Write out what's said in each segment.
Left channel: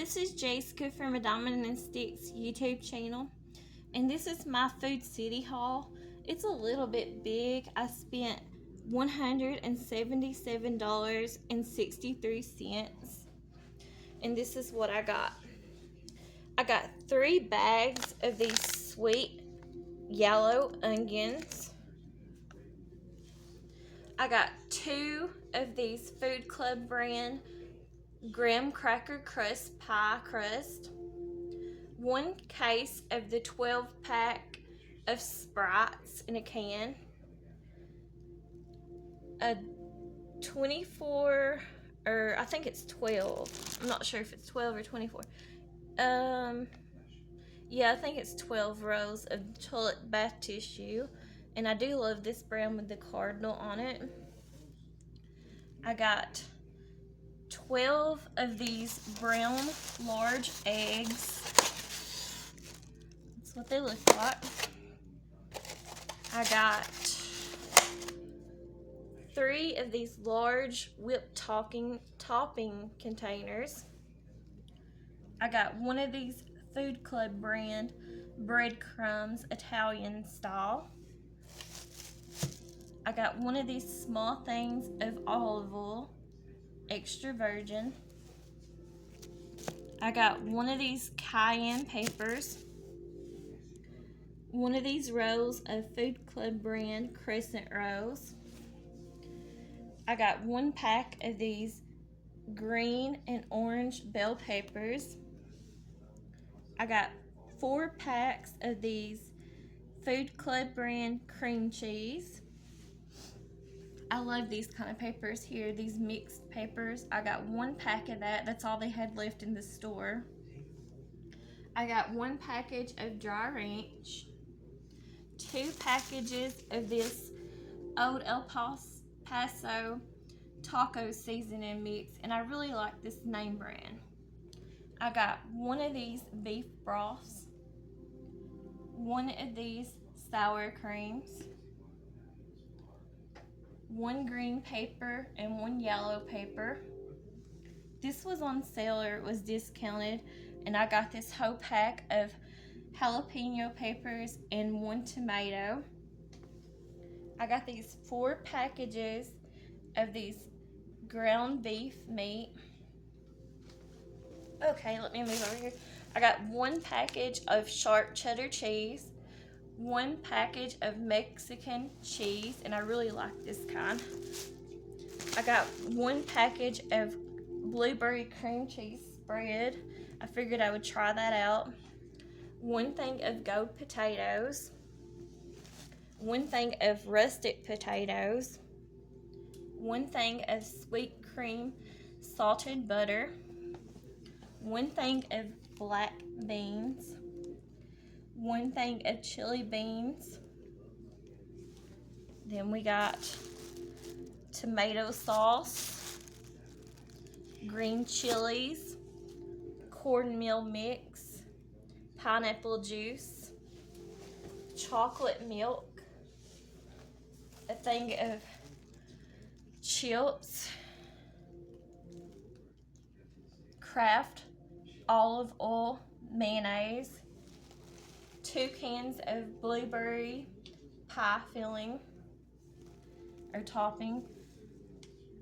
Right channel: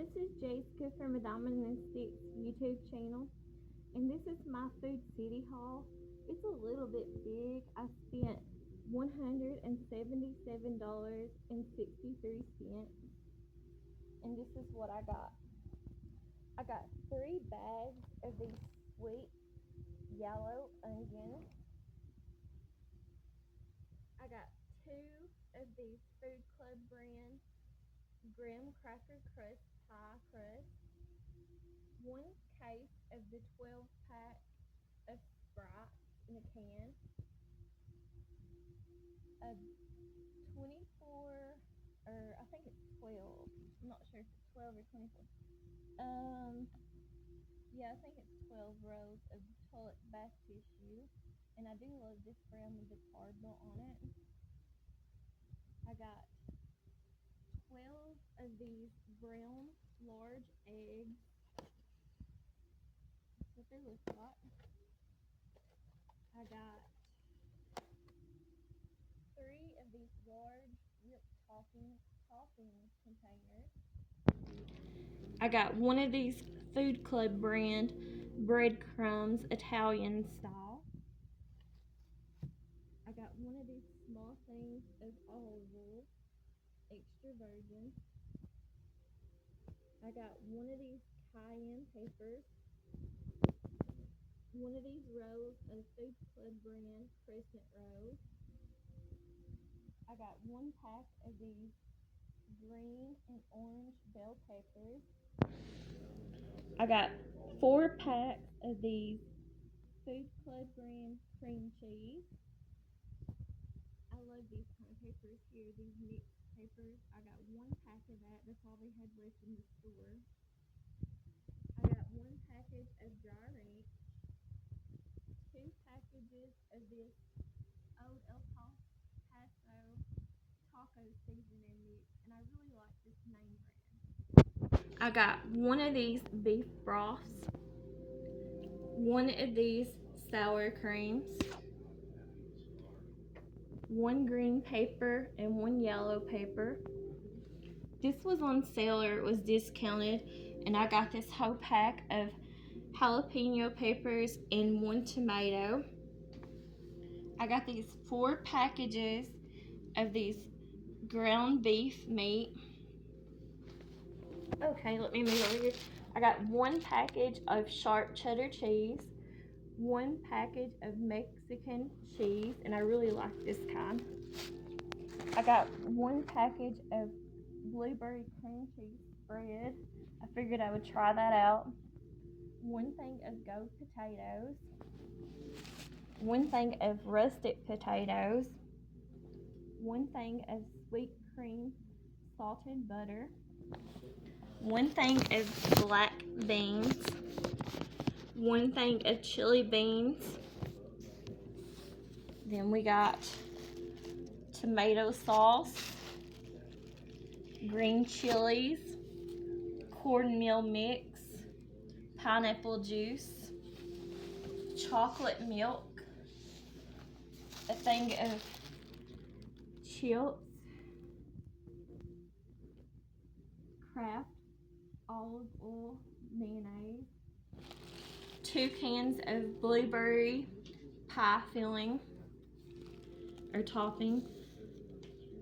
this is Jessica from a Diamond and Sticks YouTube channel, and this is my Food City haul. It's a little bit big. I spent $177.63, and this is what I got. I got 3 bags of these sweet yellow onions. I got 2 of these Food Club brand graham cracker crust pie crust, 1 case of the 12-pack of Sprites in a can, a 24, or I think it's 12. I'm not sure if it's 12 or 24. Yeah, I think it's 12 rolls of toilet bath tissue, and I do love this brand with the cardinal on it. I got 12 of these brown large eggs. That's what they look like. I got 3 of these large whipped topping containers. I got 1 of these Food Club brand breadcrumbs Italian style. I got 1 of these small things of olive oil extra virgin. I got 1 of these cayenne peppers, 1 of these rolls of Food Club brand crescent rolls. I got 1 pack of these green and orange bell peppers. I got 4 packs of these Food Club brand cream cheese. I love these kind of peppers here, these mixed peppers. I got 1 pack of that. That's all they had left in the store. I got 1 package of dry ranch, 2 packages of this Old El Paso taco seasoning mix, and I really like this name brand. I got 1 of these beef broths, 1 of these sour creams, 1 green pepper and 1 yellow pepper. This was on sale, or it was discounted, and I got this whole pack of jalapeno peppers and 1 tomato. I got these 4 packages of these ground beef meat. Okay, let me move over here. I got 1 package of sharp cheddar cheese, 1 package of Mexican cheese, and I really like this kind. I got 1 package of blueberry cream cheese spread. I figured I would try that out. 1 thing of gold potatoes, 1 thing of rustic potatoes, 1 thing of sweet cream salted butter, 1 thing of black beans, 1 thing of chili beans. Then we got tomato sauce, green chilies, cornmeal mix, pineapple juice, chocolate milk, a thing of chips, Kraft olive oil mayonnaise, 2 cans of blueberry pie filling or topping,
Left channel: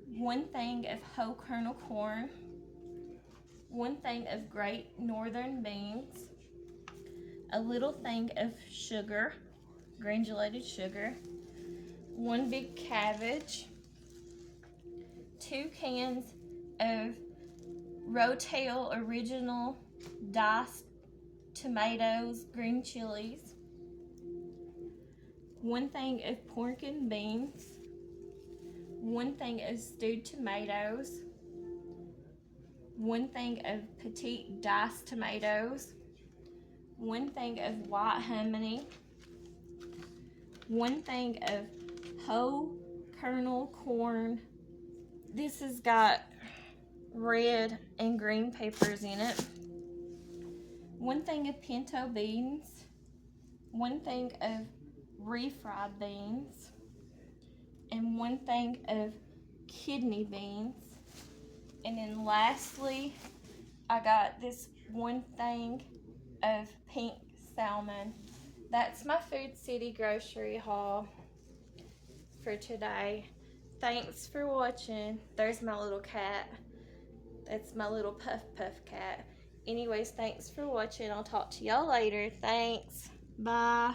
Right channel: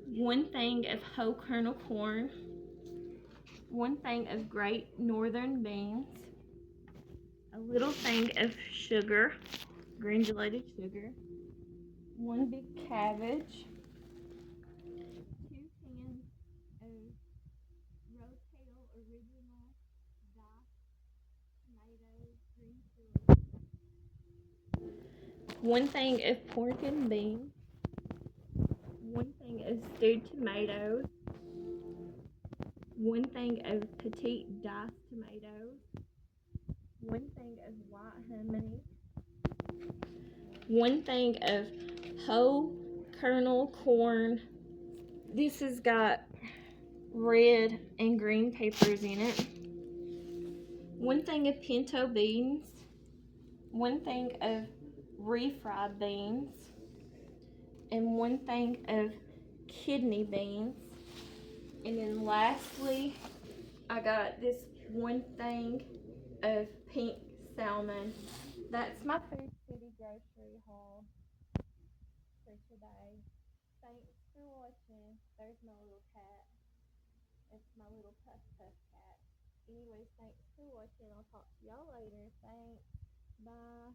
1 thing of whole kernel corn, 1 thing of Great Northern beans, a little thing of sugar, granulated sugar, 1 big cabbage, 2 cans of Rotel original diced tomatoes, green chilies, 1 thing of pork and beans, 1 thing of stewed tomatoes, 1 thing of petite diced tomatoes, 1 thing of white honey, 1 thing of whole kernel corn. This has got red and green peppers in it. 1 thing of pinto beans, 1 thing of refried beans, and 1 thing of kidney beans. And then lastly, I got this one thing of pink salmon. That's my Food City grocery haul for today. Thanks for watching. There's my little cat. That's my little Puff Puff cat. Anyways, thanks for watching. I'll talk to y'all later. Thanks. Bye.